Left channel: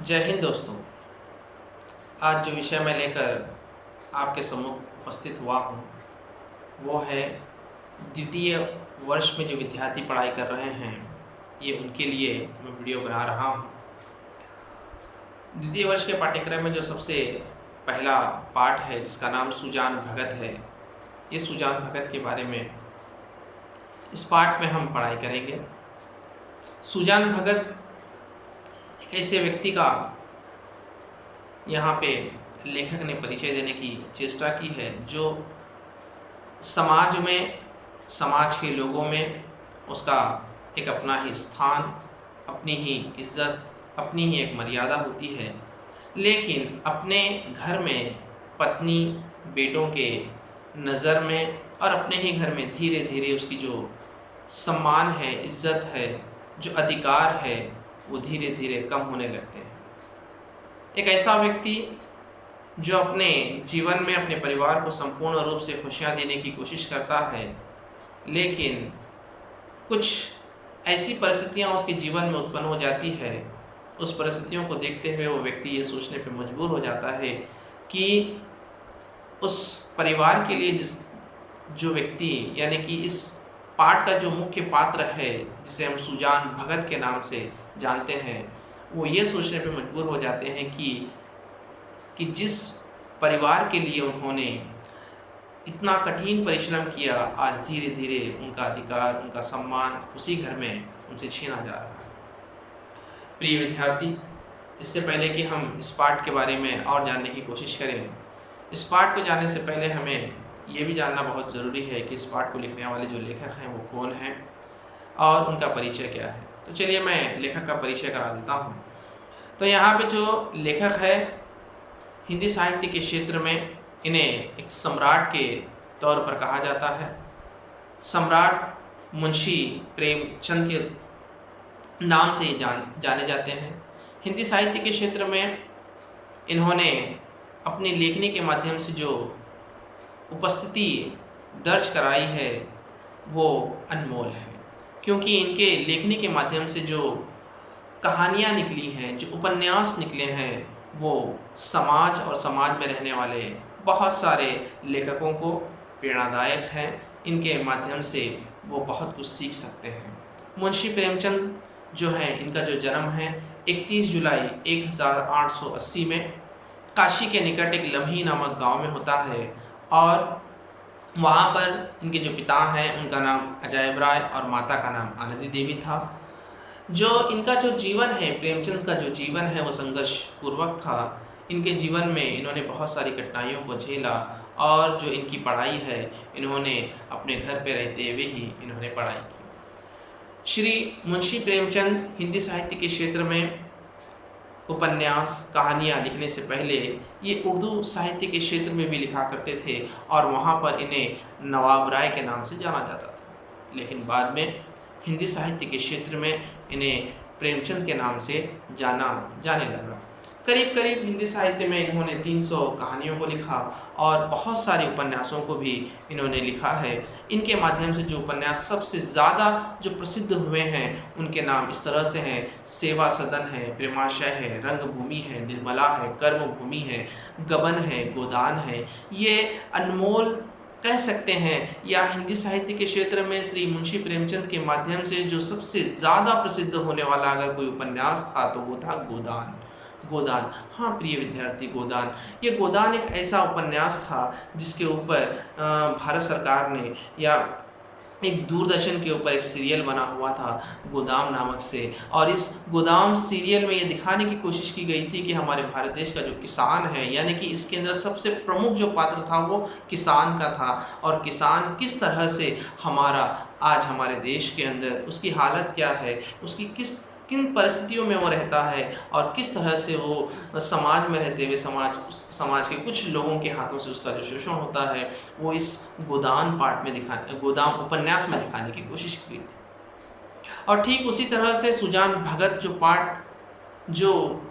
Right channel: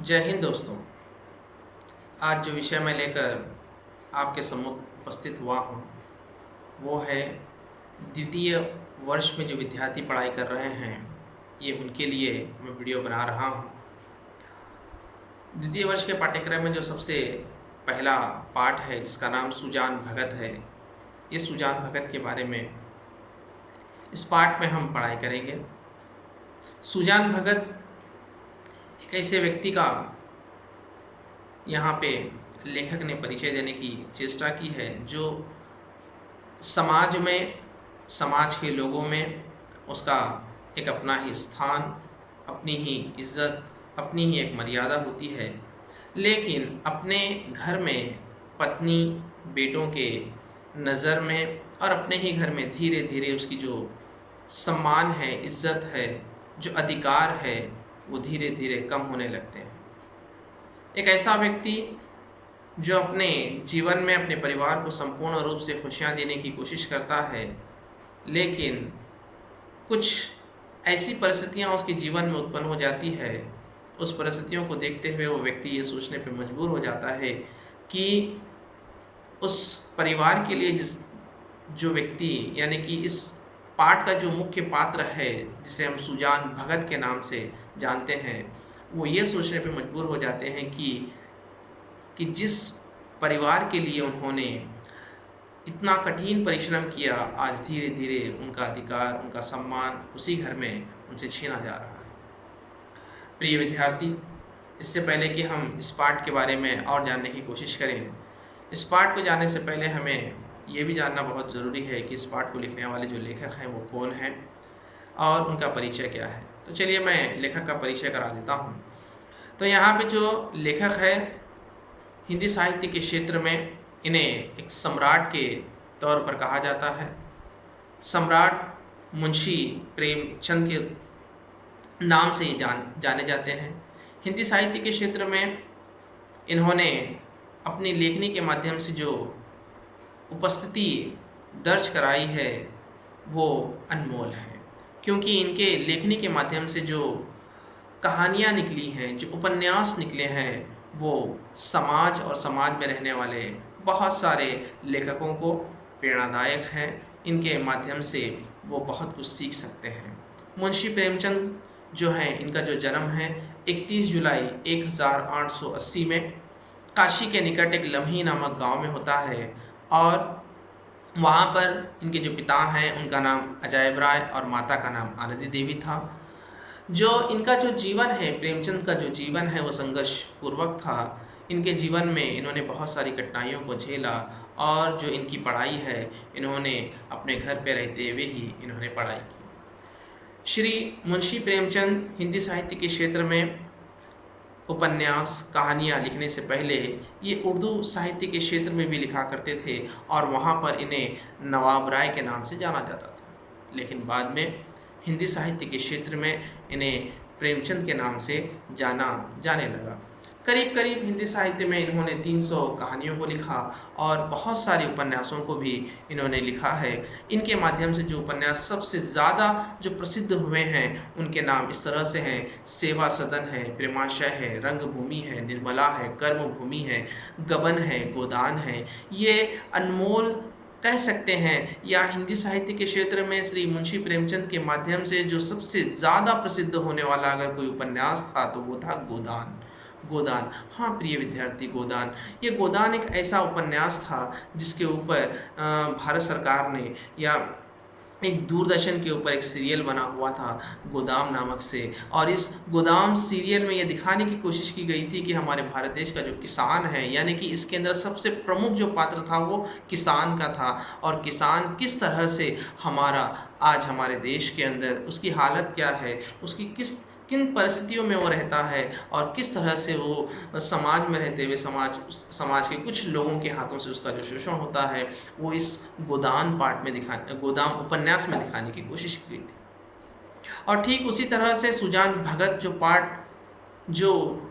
जय हिंद दोस्तों। आज जो विषय मैं लेकर आपके सम्मुख उपस्थित हुआ हूँ वो है द्वितीय वर्ष में जो विद्यार्थी पढ़ाई कर रहे हैं, ये उनके लिए मैं वीडियो बना रहा हूँ। द्वितीय वर्ष के पाठ्यक्रम में जो सबसे पहला पाठ है जिसका नाम सुजान भगत है, ये सुजान भगत के बारे में इस पाठ में हम पढ़ाई करेंगे। सुजान भगत एक ऐसे व्यक्ति का यहाँ पे लेखक ने परिचय देने की चेष्टा की है जो समाज में, समाज के लोगों में उसका एक अपना ही स्थान, अपनी ही इज्जत, अपनी ही एक मर्यादा होती है, लेकिन अपने घर में पत्नी, बेटों के नज़र में और अपने ही घर में धीरे धीरे उसकी जो सम्मान है, इज्जत है, जो अधिकार है, वो धीरे धीरे कम होने लगते हैं। एक ऐसा व्यक्ति जो अपने जीवन में अपने परिवार को संपूर्ण रूप से खुशियाँ देने की कोशिश करता है, लेकिन कुछ ऐसी परिस्थितियाँ उसके जीवन में उत्पन्न हो जाती है, उस परिस्थितियों को देखते हुए वो व्यक्ति ये सोचने पर मजबूर हो जाता है कि उस परिवार के लिए जो व्यक्ति, यानी कि इस पाठ का जो मुख्य पात्र है जिसे हम सुजान भगत के नाम से जानते हैं, वो ये सोचने पे मजबूर हो जाते हैं कि जिस परिवार के लिए उन्होंने इतना कठिन परिश्रम किया, आज धीरे धीरे उनका अधिकार, उनका सम्मान उसी घर में उनसे छीना जा रहा है। प्रिय विद्यार्थी, इससे पहले कि हम इस पाठ के बारे में और जानने की कोशिश करें, इस पाठ को जानने से पहले हमें ये भी जानना बहुत ज़रूरी है कि इस पाठ को लिखने वाले जो लेखक हैं वो कौन हैं और उनका परिचय क्या है। तो चलिए मैं लेखक का परिचय करा देता हूँ। तो यहाँ पे जो लेखक है, हिंदी साहित्य के क्षेत्र में इन्हें एक सम्राट के तौर पर कहा जाता है। सम्राट मुंशी प्रेमचंद के नाम से ये जाने जाते हैं। हिंदी साहित्य के क्षेत्र में इन्होंने अपनी लेखनी के माध्यम से जो उपस्थिति दर्ज कराई है वो अनमोल है, क्योंकि इनके लेखनी के माध्यम से जो कहानियाँ निकली हैं, जो उपन्यास निकले हैं, वो समाज और समाज में रहने वाले बहुत सारे लेखकों को प्रेरणादायक हैं। इनके माध्यम से वो बहुत कुछ सीख सकते हैं। मुंशी प्रेमचंद जो हैं, इनका जो जन्म है 31 जुलाई 1880 में काशी के निकट एक लम्ही नामक गांव में होता है, और वहाँ पर इनके जो पिता हैं उनका नाम अजायब राय और माता का नाम आनंदी देवी था। जो इनका जो जीवन है, प्रेमचंद का जो जीवन है, वो संघर्ष पूर्वक था। इनके जीवन में इन्होंने बहुत सारी कठिनाइयों को झेला, और जो इनकी पढ़ाई है इन्होंने अपने घर पे रहते हुए ही इन्होंने पढ़ाई की। श्री मुंशी प्रेमचंद हिंदी साहित्य के क्षेत्र में उपन्यास, कहानियाँ लिखने से पहले ये उर्दू साहित्य के क्षेत्र में भी लिखा करते थे, और वहाँ पर इन्हें नवाब राय के नाम से जाना जाता था। लेकिन बाद में हिंदी साहित्य के क्षेत्र में इन्हें प्रेमचंद के नाम से जाना जाने लगा। करीब करीब हिंदी साहित्य में इन्होंने 300 कहानियों को लिखा और बहुत सारे उपन्यासों को भी इन्होंने लिखा है। इनके माध्यम से जो उपन्यास सबसे ज़्यादा जो प्रसिद्ध हुए हैं उनके नाम इस तरह से हैं: सेवा सदन है, प्रेमाशय है, रंगभूमि है, निर्मला है, कर्मभूमि है, गबन है, गोदान है। ये अनमोल कह सकते हैं, या हिंदी साहित्य के क्षेत्र में श्री मुंशी प्रेमचंद के माध्यम से जो सबसे ज़्यादा प्रसिद्ध होने वाला अगर कोई उपन्यास था तो वो था गोदान। गोदान, हाँ प्रिय विद्यार्थी, गोदान, ये गोदान एक ऐसा उपन्यास था जिसके ऊपर भारत सरकार ने, या एक दूरदर्शन के ऊपर एक सीरियल बना हुआ था गोदाम नामक से, और इस गोदाम सीरियल में ये दिखाने की कोशिश की गई थी कि हमारे भारत देश का जो किसान है, यानी कि इसके अंदर सबसे प्रमुख जो पात्र था वो किसान का था, और किसान किस तरह से आज हमारे देश के अंदर उसकी हालत क्या है, उसकी किन परिस्थितियों में वो रहता है, और किस तरह से वो समाज में रहते हुए समाज के कुछ लोगों के हाथों से उसका जो शोषण होता है वो इस गोदाम उपन्यास में दिखाने की कोशिश की गई थी। और ठीक उसी तरह से सुजान भगत जो पाठ जो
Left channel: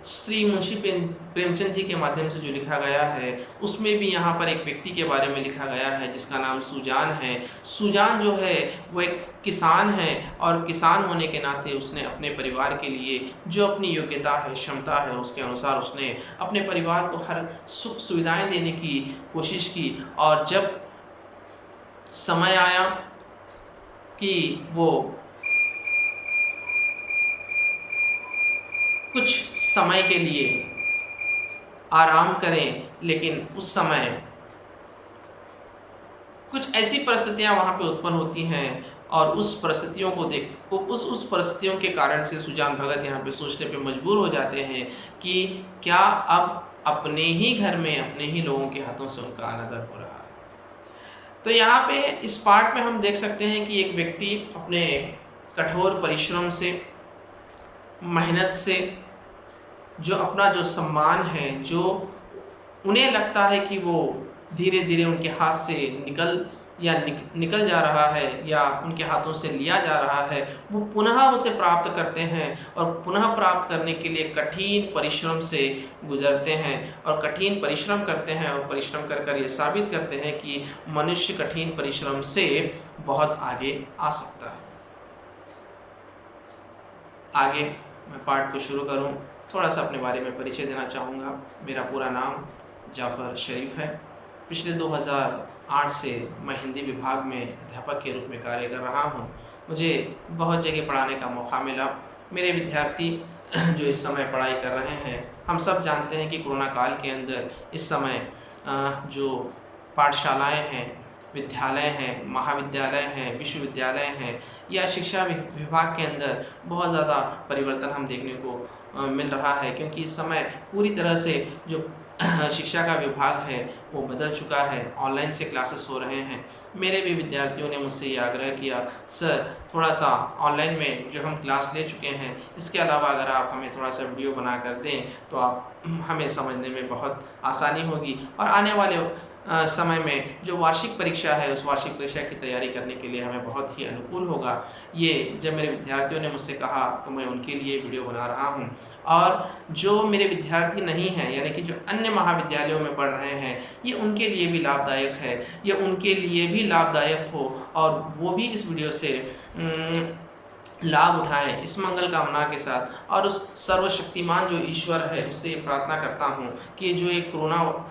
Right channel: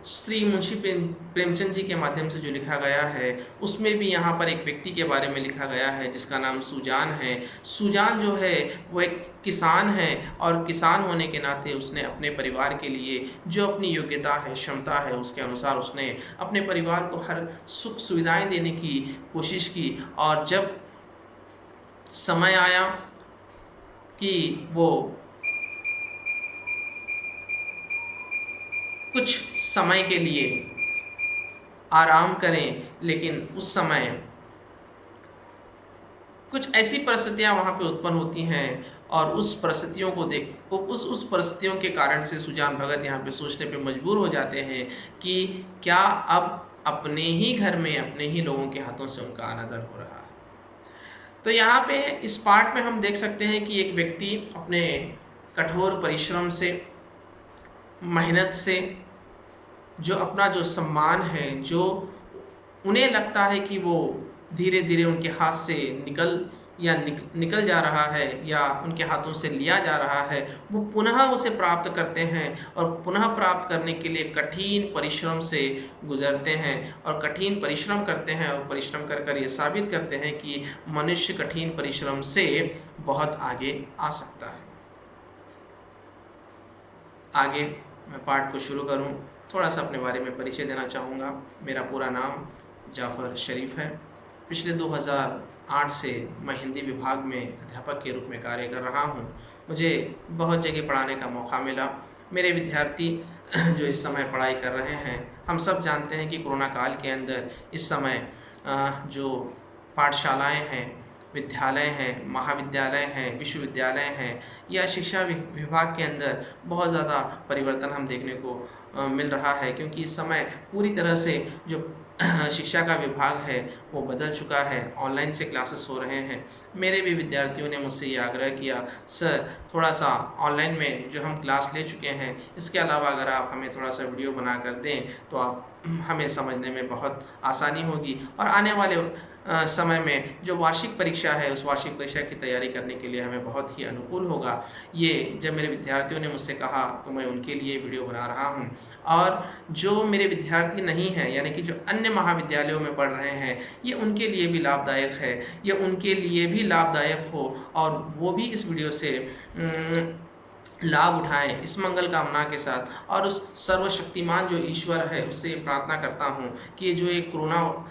श्री मुंशी प्रेमचंद जी के माध्यम से जो लिखा गया है, उसमें भी यहाँ पर एक व्यक्ति के बारे में लिखा गया है जिसका नाम सुजान है। सुजान जो है वो एक किसान है, और किसान होने के नाते उसने अपने परिवार के लिए जो अपनी योग्यता है, क्षमता है, उसके अनुसार उसने अपने परिवार को हर सुख सुविधाएं देने की कोशिश की। और जब समय आया कि वो कुछ समय के लिए आराम करें, लेकिन उस समय कुछ ऐसी परिस्थितियां वहाँ पे उत्पन्न होती हैं, और उस परिस्थितियों को देख उस परिस्थितियों के कारण से सुजान भगत यहाँ पे सोचने पे मजबूर हो जाते हैं कि क्या अब अपने ही घर में, अपने ही लोगों के हाथों से उनका अनादर हो रहा है। तो यहाँ पे इस पार्ट में हम देख सकते हैं कि एक व्यक्ति अपने कठोर परिश्रम से, मेहनत से, जो अपना जो सम्मान है, जो उन्हें लगता है कि वो धीरे धीरे उनके हाथ से निकल जा रहा है, या उनके हाथों से लिया जा रहा है, वो पुनः उसे प्राप्त करते हैं, और पुनः प्राप्त करने के लिए कठिन परिश्रम से गुजरते हैं, और कठिन परिश्रम करते हैं, और परिश्रम कर कर ये साबित करते हैं कि मनुष्य कठिन परिश्रम से बहुत आगे आ सकता है। आगे मैं पाठ को शुरू करूं, थोड़ा सा अपने बारे में परिचय देना चाहूँगा। मेरा पूरा नाम जाफ़र शरीफ है। पिछले 2008 से मैं हिंदी विभाग में अध्यापक के रूप में कार्य कर रहा हूँ। मुझे बहुत जगह पढ़ाने का मौका मिला। मेरे विद्यार्थी जो इस समय पढ़ाई कर रहे हैं, हम सब जानते हैं कि कोरोना काल के अंदर इस समय जो पाठशालाएँ हैं, विद्यालय हैं, महाविद्यालय हैं, विश्वविद्यालय हैं, या शिक्षा विभाग के अंदर बहुत ज़्यादा परिवर्तन हम देखने को मिल रहा है, क्योंकि इस समय पूरी तरह से जो शिक्षा का विभाग है वो बदल चुका है। ऑनलाइन से क्लासेस हो रहे हैं। मेरे भी विद्यार्थियों ने मुझसे ये आग्रह किया, सर थोड़ा सा ऑनलाइन में जो हम क्लास ले चुके हैं, इसके अलावा अगर आप हमें थोड़ा सा वीडियो बना कर दें तो आप हमें समझने में बहुत आसानी होगी, और आने वाले समय में जो वार्षिक परीक्षा है, उस वार्षिक परीक्षा की तैयारी करने के लिए हमें बहुत ही अनुकूल होगा। ये जब मेरे विद्यार्थियों ने मुझसे कहा तो मैं उनके लिए वीडियो बना रहा हूँ। और जो मेरे विद्यार्थी नहीं हैं, यानी कि जो अन्य महाविद्यालयों में पढ़ रहे हैं, ये उनके लिए भी लाभदायक है, ये उनके लिए भी लाभदायक हो, और वो भी इस वीडियो से लाभ उठाएं, इस मंगल कामना के साथ। और उस सर्वशक्तिमान जो ईश्वर है, उससे ये प्रार्थना करता हूँ कि जो एक कोरोना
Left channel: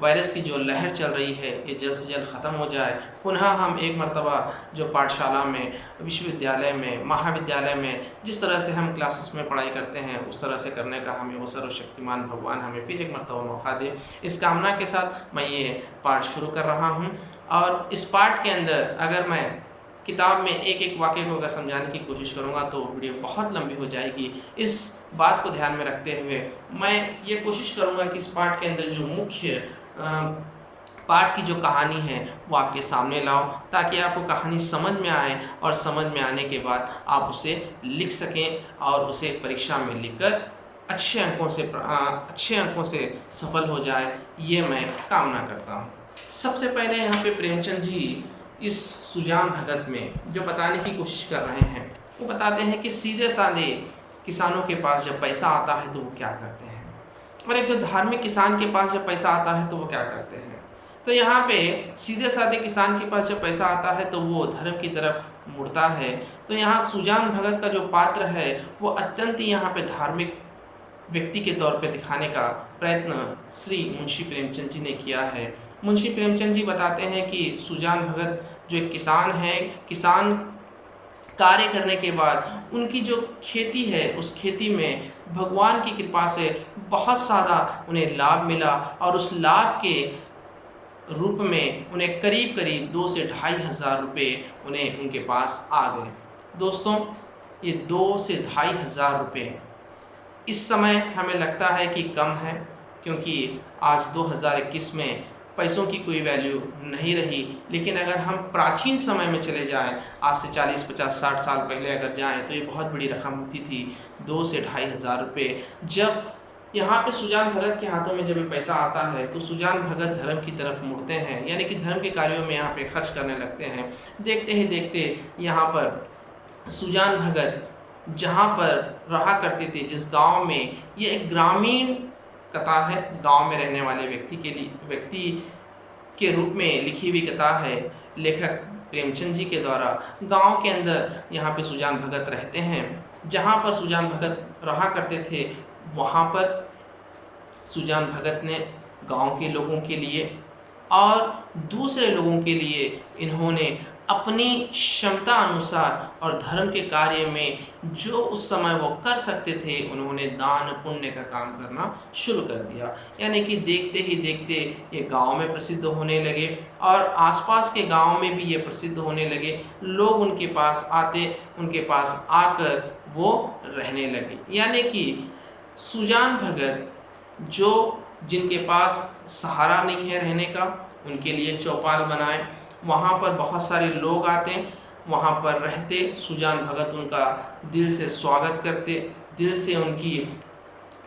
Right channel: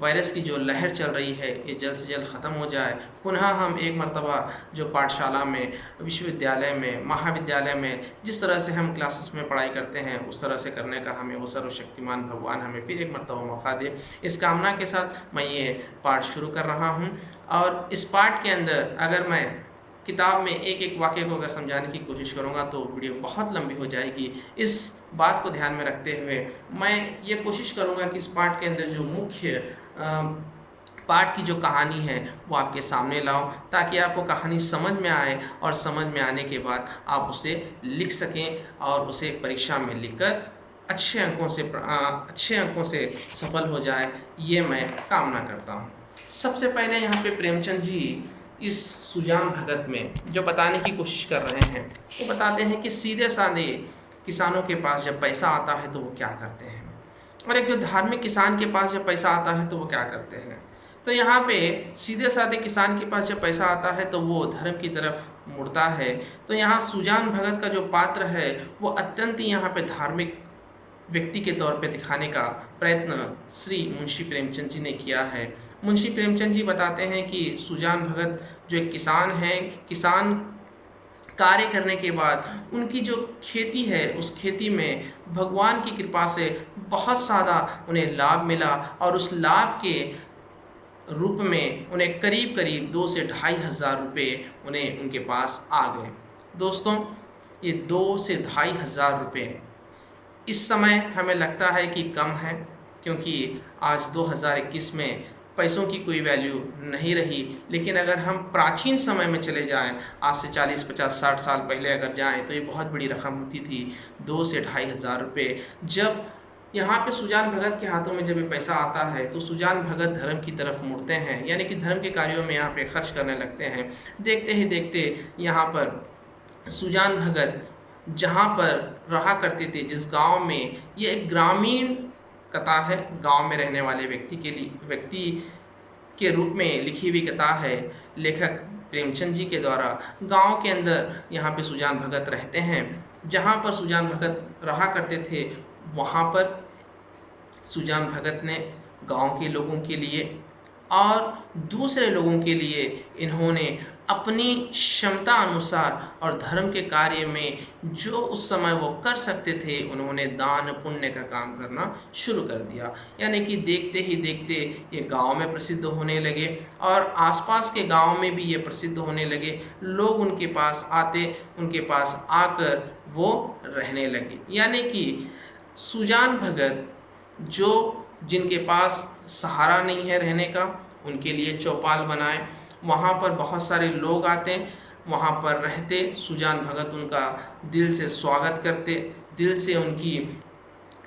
वायरस की जो लहर चल रही है, ये जल्द से जल्द ख़त्म हो जाए। पुनः हम एक मर्तबा जो पाठशाला में, विश्वविद्यालय में, महाविद्यालय में जिस तरह से हम क्लासेस में पढ़ाई करते हैं, उस तरह से करने का हमें वो सर्वशक्तिमान भगवान हमें फिर एक मर्तबा मौका दे। इस कामना के साथ मैं ये पाठ शुरू कर रहा हूँ। और इस पाठ के अंदर अगर मैं किताब में एक एक वाक्य को अगर समझाने की कोशिश करूँगा तो वीडियो बहुत लंबी हो जाएगी। इस बात को ध्यान में रखते हुए मैं ये कोशिश करूँगा कि इस पाठ के अंदर जो मुख्य पाठ की जो कहानी है वो आपके सामने लाऊं, ताकि आपको कहानी समझ में आए, और समझ में आने के बाद आप उसे लिख सकें, और उसे परीक्षा में लिखकर अच्छे अंकों से सफल हो जाए, ये मैं कामना करता हूँ। सबसे पहले यहाँ पे प्रेमचंद जी इस सुजान भगत में जो बताने की कोशिश कर रहे हैं, वो बताते हैं कि सीधे साधे किसानों के पास जब पैसा आता है तो वो क्या करते हैं, और एक जो धार्मिक किसान के पास जब पैसा आता है तो वो क्या करते हैं। तो यहाँ पे सीधे साधे किसान के पास जब पैसा आता है तो वो धर्म की तरफ मुड़ता है। तो यहाँ सुजान भगत का जो पात्र है वो अत्यंत ही यहाँ पे धार्मिक व्यक्ति के तौर पे दिखाने का प्रयत्न श्री मुंशी प्रेमचंद जी ने किया है। मुंशी प्रेमचंद जी बताते हैं कि सुजान भगत जो एक किसान हैं, किसान कार्य करने के बाद उनकी जो खेती है, उस खेती में भगवान की कृपा से बहुत ज़्यादा उन्हें लाभ मिला, और उस लाभ के रूप में उन्हें करीब करीब 2 से 2,500 रुपये उन्हें उनके पास आ गए। दोस्तों, ये 2 से 2,500 रुपये इस समय हमें लगता है कि कम है, क्योंकि आज 2021 में पैसों की कोई वैल्यू नहीं रही। लेकिन अगर हम प्राचीन समय में चले जाएं, आज से 40, 50, 60 साल पहले अगर जाएं, तो ये बहुत बड़ी रकम होती थी, 2 से 2,500 रुपये। जब यहाँ पे सुजान भगत के हाथों में जब ये पैसा आता है तो सुजान भगत धर्म की तरफ मुड़ते हैं, यानी कि धर्म के कार्यों में यहाँ पे खर्च करने लगते हैं। देखते ही देखते यहाँ पर सुजान भगत जहाँ पर रहा करते थे, जिस गांव में, ये एक ग्रामीण कथा है, गांव में रहने वाले व्यक्ति के रूप में लिखी हुई कथा है लेखक प्रेमचंद जी के द्वारा। गांव के अंदर यहाँ पे सुजान भगत रहते हैं। जहाँ पर सुजान भगत रहा करते थे, वहाँ पर सुजान भगत ने गांव के लोगों के लिए और दूसरे लोगों के लिए इन्होंने अपनी क्षमता अनुसार और धर्म के कार्य में जो उस समय वो कर सकते थे, उन्होंने दान पुण्य का काम करना शुरू कर दिया। यानी कि देखते ही देखते ये गांव में प्रसिद्ध होने लगे और आसपास के गांव में भी ये प्रसिद्ध होने लगे। लोग उनके पास आते, उनके पास आकर वो रहने लगे। यानी कि सुजान भगत जिनके पास सहारा नहीं है रहने का, उनके लिए चौपाल बनाए। वहाँ पर बहुत सारे लोग आते, वहाँ पर रहते। सुजान भगत उनका दिल से स्वागत करते, दिल से उनकी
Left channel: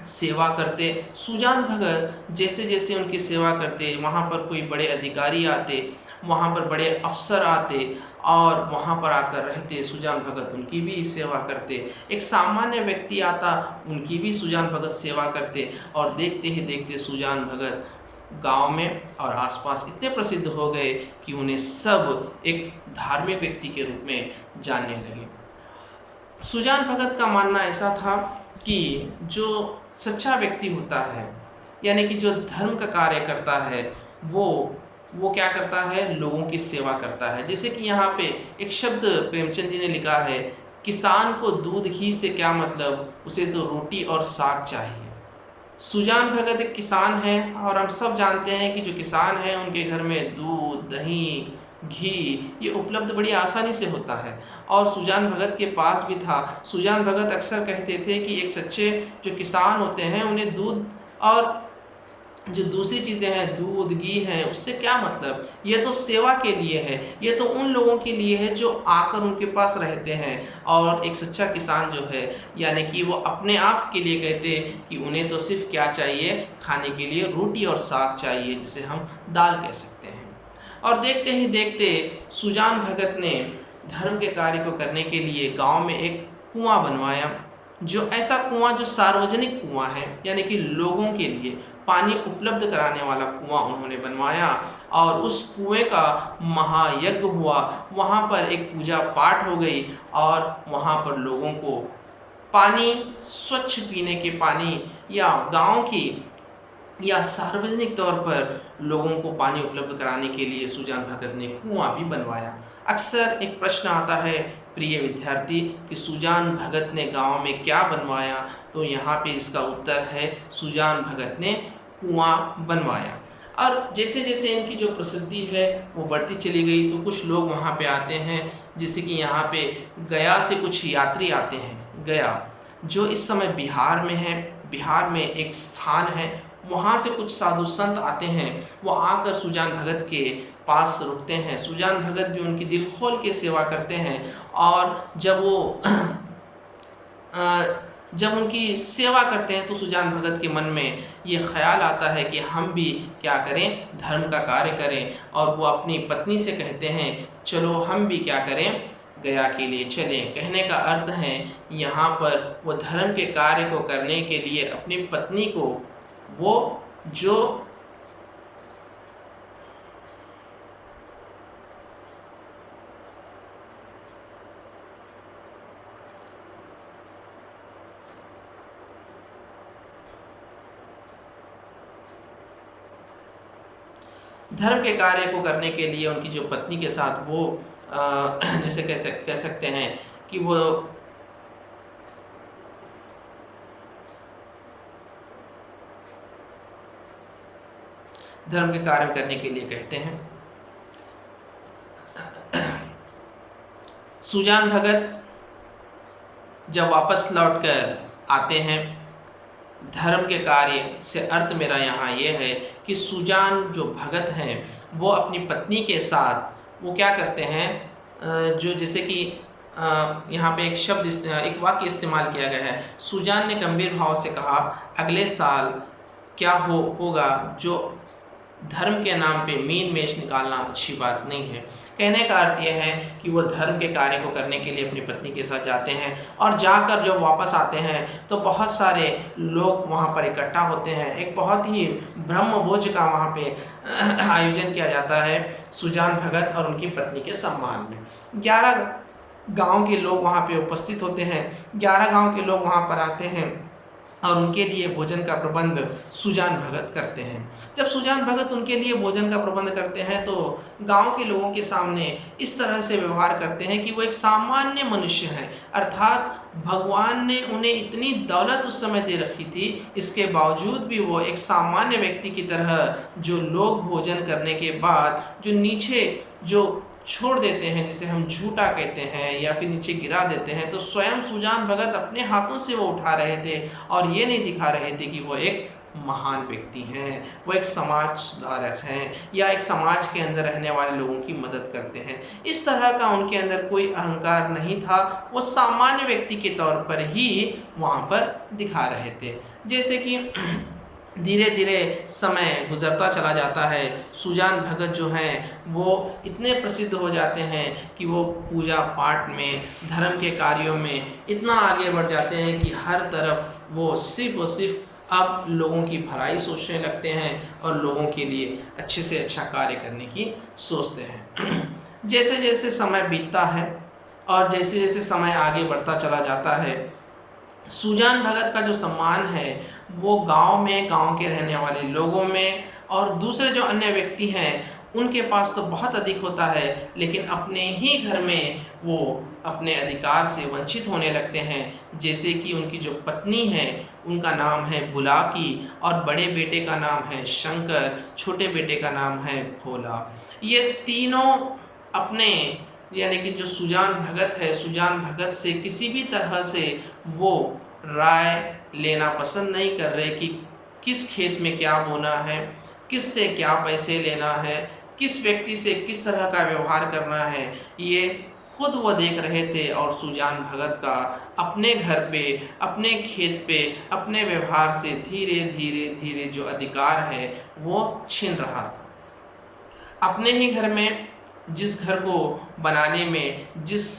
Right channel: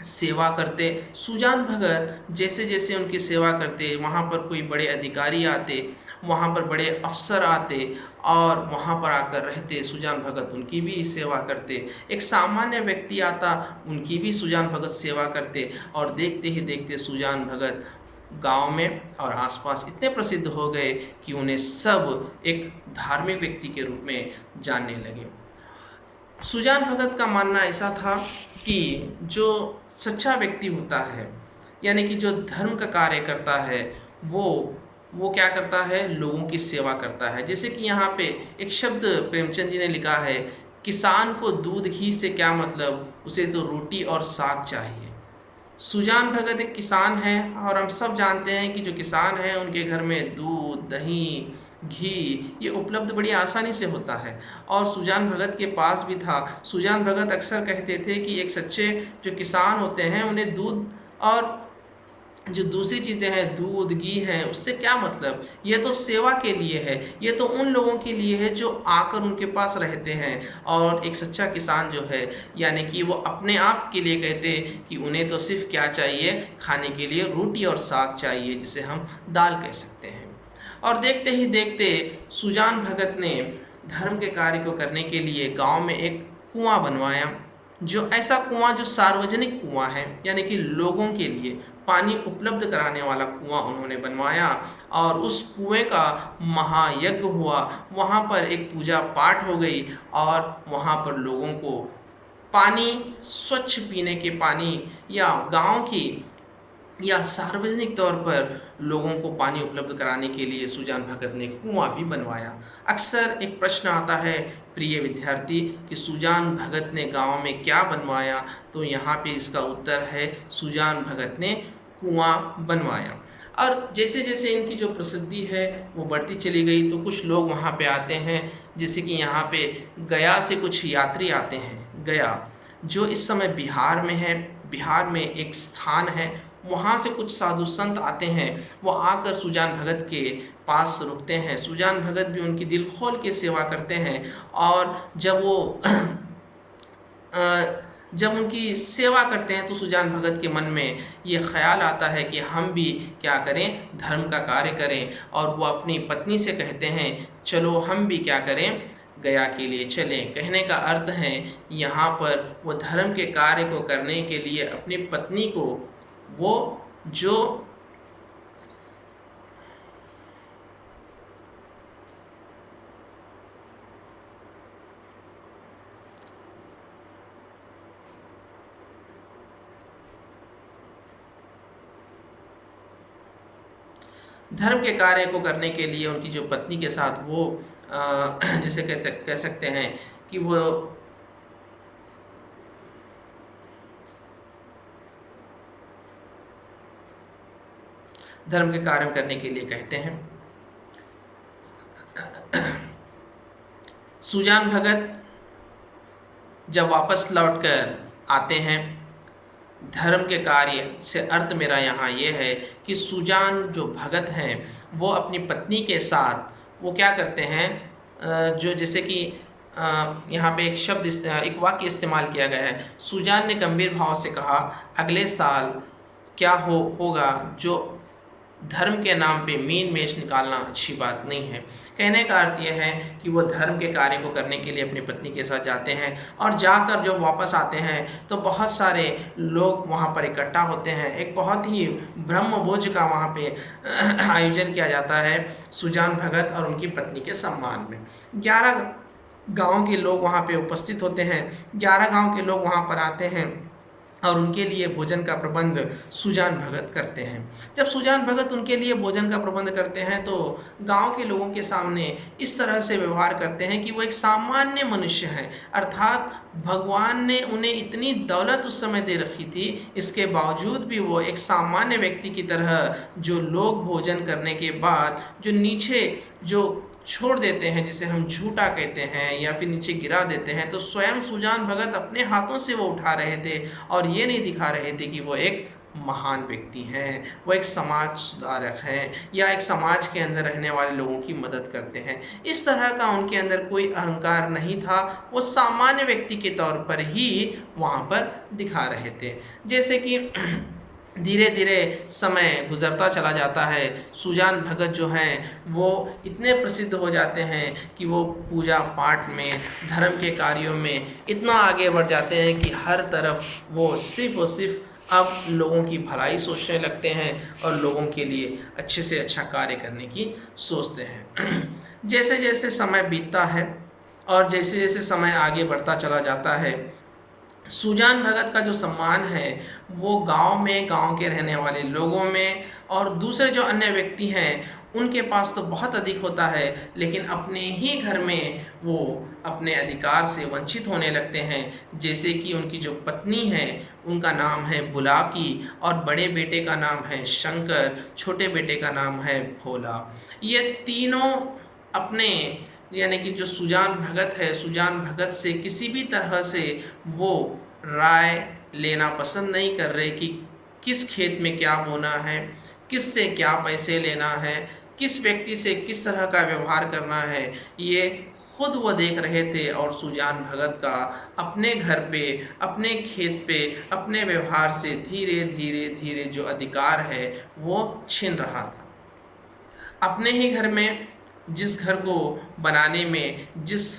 सेवा करते। सुजान भगत जैसे जैसे उनकी सेवा करते, वहाँ पर कोई बड़े अधिकारी आते, वहाँ पर बड़े अफसर आते और वहाँ पर आकर रहते। सुजान भगत उनकी भी सेवा करते। एक सामान्य व्यक्ति आता, उनकी भी सुजान भगत सेवा करते। और देखते ही देखते सुजान भगत गांव में और आसपास इतने प्रसिद्ध हो गए कि उन्हें सब एक धार्मिक व्यक्ति के रूप में जानने लगे। सुजान भगत का मानना ऐसा था कि जो सच्चा व्यक्ति होता है, यानी कि जो धर्म का कार्य करता है, वो क्या करता है, लोगों की सेवा करता है। जैसे कि यहाँ पे एक शब्द प्रेमचंद जी ने लिखा है, किसान को दूध घी से क्या मतलब, उसे तो रोटी और साग चाहिए। सुजान भगत एक किसान है और हम सब जानते हैं कि जो किसान है उनके घर में दूध, दही, घी ये उपलब्ध बड़ी आसानी से होता है। और सुजान भगत के पास भी था। सुजान भगत अक्सर कहते थे कि एक सच्चे जो किसान होते हैं उन्हें दूध और जो दूसरी चीज़ें हैं, दूध, घी हैं, उससे क्या मतलब, ये तो सेवा के लिए है, ये तो उन लोगों के लिए है जो आकर उनके पास रहते हैं। और एक सच्चा किसान जो है, यानी कि वो अपने आप के लिए कहते कि उन्हें तो सिर्फ क्या चाहिए, खाने के लिए रोटी और साग चाहिए, जिसे हम दाल कह सकते हैं। और देखते ही देखते सुजान भगत ने धर्म के कार्य को करने के लिए गाँव में एक कुआं बनवाया, जो ऐसा कुआं जो सार्वजनिक कुआं है, यानी कि लोगों के लिए पानी उपलब्ध कराने वाला कुआं उन्होंने बनवाया। और उस कुएं का महायज्ञ हुआ। वहाँ पर एक पूजा पाठ हो गई और वहाँ पर लोगों को पानी, स्वच्छ पीने के पानी या गांव की या सार्वजनिक तौर पर लोगों को पानी उपलब्ध कराने के लिए सुजान भगत ने कुआं भी बनवाया। अक्सर एक प्रश्न आता है प्रिय विद्यार्थी कि सुजान भगत ने गांव में क्या बनवाया, तो यहाँ पे इसका उत्तर है सुजान भगत ने कुआं बनवाया। और जैसे जैसे इनकी जो प्रसिद्धि है वो बढ़ती चली गई, तो कुछ लोग वहाँ पे आते हैं। जैसे कि यहाँ पे गया से कुछ यात्री आते हैं। गया जो इस समय बिहार में है, बिहार में एक स्थान है, वहाँ से कुछ साधु संत आते हैं। वो आकर सुजान भगत के पास रुकते हैं। सुजान भगत भी उनकी दिल खोल के सेवा करते हैं। और जब उनकी सेवा करते हैं तो सुजान भगत के मन में ये ख्याल आता है कि हम भी क्या करें, धर्म का कार्य करें। और वो अपनी पत्नी से कहते हैं चलो हम भी क्या करें, गया के लिए चलें। कहने का अर्थ है यहाँ पर वो धर्म के कार्य को करने के लिए अपनी पत्नी को, वो जो धर्म के कार्य को करने के लिए उनकी जो पत्नी के साथ वो जैसे कह सकते हैं कि वो धर्म के कार्य करने के लिए कहते हैं। सुजान भगत जब वापस लौटकर आते हैं, धर्म के कार्य से अर्थ मेरा यहाँ ये है कि सुजान जो भगत हैं वो अपनी पत्नी के साथ वो क्या करते हैं, जो जैसे कि यहाँ पे एक शब्द, एक वाक्य इस्तेमाल किया गया है। सुजान ने गंभीर भाव से कहा, अगले साल क्या होगा जो धर्म के नाम पे मीन मेष निकालना अच्छी बात नहीं है। कहने का अर्थ यह है कि वो धर्म के कार्य को करने के लिए अपनी पत्नी के साथ जाते हैं और जाकर जब वापस आते हैं तो बहुत सारे लोग वहाँ पर इकट्ठा होते हैं। एक बहुत ही ब्रह्मभोज का वहाँ पे आयोजन किया जाता है सुजान भगत और उनकी पत्नी के सम्मान में। 11 गांव के लोग वहाँ पे उपस्थित होते हैं। 11 गांव के लोग वहाँ पर आते हैं और उनके लिए भोजन का प्रबंध सुजान भगत करते हैं। जब सुजान भगत उनके लिए भोजन का प्रबंध करते हैं तो गांव के लोगों के सामने इस तरह से व्यवहार करते हैं कि वो एक सामान्य मनुष्य हैं, अर्थात भगवान ने उन्हें इतनी दौलत उस समय दे रखी थी, इसके बावजूद भी वो एक सामान्य व्यक्ति की तरह, जो लोग भोजन करने के बाद जो नीचे जो छोड़ देते हैं, जिसे हम झूठा कहते हैं या फिर नीचे गिरा देते हैं, तो स्वयं सुजान भगत अपने हाथों से वो उठा रहे थे और ये नहीं दिखा रहे थे कि वो एक महान व्यक्ति हैं, वो एक समाज सुधारक हैं या एक समाज के अंदर रहने वाले लोगों की मदद करते हैं। इस तरह का उनके अंदर कोई अहंकार नहीं था, वो सामान्य व्यक्ति के तौर पर ही वहाँ पर दिखा रहे थे। जैसे कि धीरे धीरे समय गुज़रता चला जाता है, सुजान भगत जो हैं वो इतने प्रसिद्ध हो जाते हैं कि वो पूजा पाठ में, धर्म के कार्यों में इतना आगे बढ़ जाते हैं कि हर तरफ वो सिर्फ़ और सिर्फ अब लोगों की भलाई सोचने लगते हैं और लोगों के लिए अच्छे से अच्छा कार्य करने की सोचते हैं। जैसे जैसे समय बीतता है और जैसे जैसे समय आगे बढ़ता चला जाता है, सुजान भगत का जो सम्मान है वो गांव में, गांव के रहने वाले लोगों में और दूसरे जो अन्य व्यक्ति हैं उनके पास तो बहुत अधिक होता है, लेकिन अपने ही घर में वो अपने अधिकार से वंचित होने लगते हैं। जैसे कि उनकी जो पत्नी है उनका नाम है बुलाकी और बड़े बेटे का नाम है शंकर, छोटे बेटे का नाम है भोला। ये तीनों अपने, यानी कि जो सुजान भगत है, सुजान भगत से किसी भी तरह से वो राय लेना पसंद नहीं कर रहे कि किस खेत में क्या बोना है, किस से क्या पैसे लेना है, किस व्यक्ति से किस तरह का व्यवहार करना है, ये खुद वो देख रहे थे। और सुजान भगत का अपने घर पे, अपने खेत पे, अपने व्यवहार से धीरे धीरे धीरे जो अधिकार है वो छिन रहा था। अपने ही घर में, जिस घर को बनाने में, जिस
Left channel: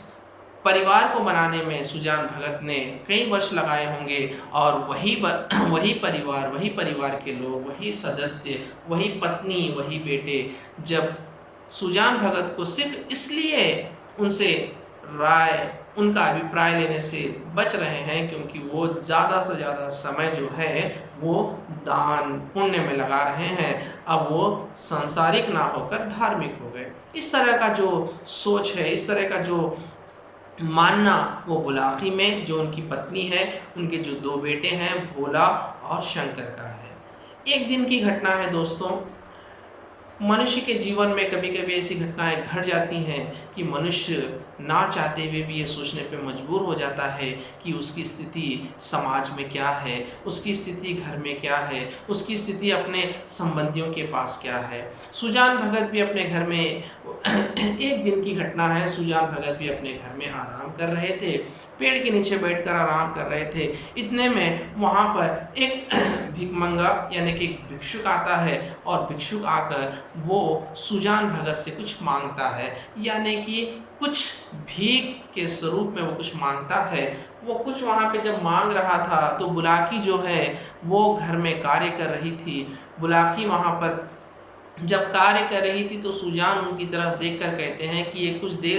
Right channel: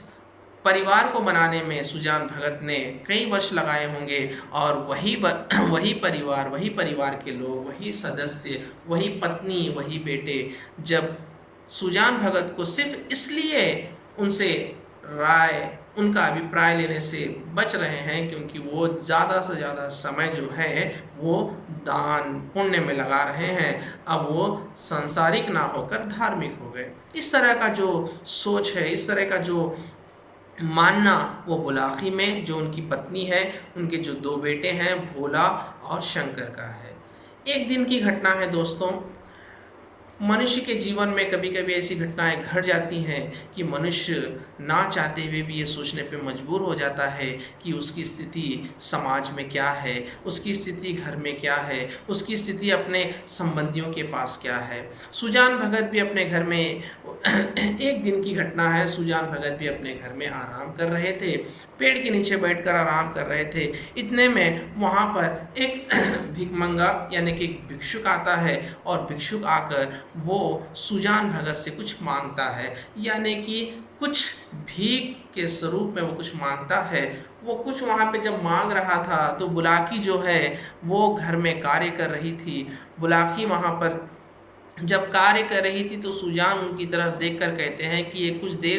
परिवार को बनाने में सुजान भगत ने कई वर्ष लगाए होंगे और वही परिवार के लोग, वही सदस्य, वही पत्नी, वही बेटे, जब सुजान भगत को सिर्फ इसलिए उनसे राय, उनका अभिप्राय लेने से बच रहे हैं क्योंकि वो ज़्यादा से ज़्यादा समय जो है वो दान पुण्य में लगा रहे हैं, अब वो सांसारिक ना होकर धार्मिक हो गए। इस तरह का जो सोच है, इस तरह का जो मानना वो बुलाकी में, जो उनकी पत्नी है, उनके जो 2 बेटे हैं भोला और शंकर का है। एक दिन की घटना है दोस्तों, मनुष्य के जीवन में कभी कभी ऐसी घटनाएं घट जाती हैं कि मनुष्य ना चाहते हुए भी ये सोचने पे मजबूर हो जाता है कि उसकी स्थिति समाज में क्या है, उसकी स्थिति घर में क्या है, उसकी स्थिति अपने संबंधियों के पास क्या है। सुजान भगत भी अपने घर में एक दिन की घटना है, सुजान भगत भी अपने घर में आराम कर रहे थे, पेड़ के नीचे बैठकर आराम कर रहे थे। इतने में वहाँ पर एक भिखमंगा यानी कि भिक्षुक आता है और भिक्षुक आकर वो सुजान भगत से कुछ मांगता है, यानी कि कुछ भीख के स्वरूप में वो कुछ मांगता है। वो कुछ वहाँ पे जब मांग रहा था तो बुलाकी जो है वो घर में कार्य कर रही थी। बुलाकी वहाँ पर जब कार्य कर रही थी तो सुजान उनकी तरफ देखकर कहते हैं कि ये कुछ देर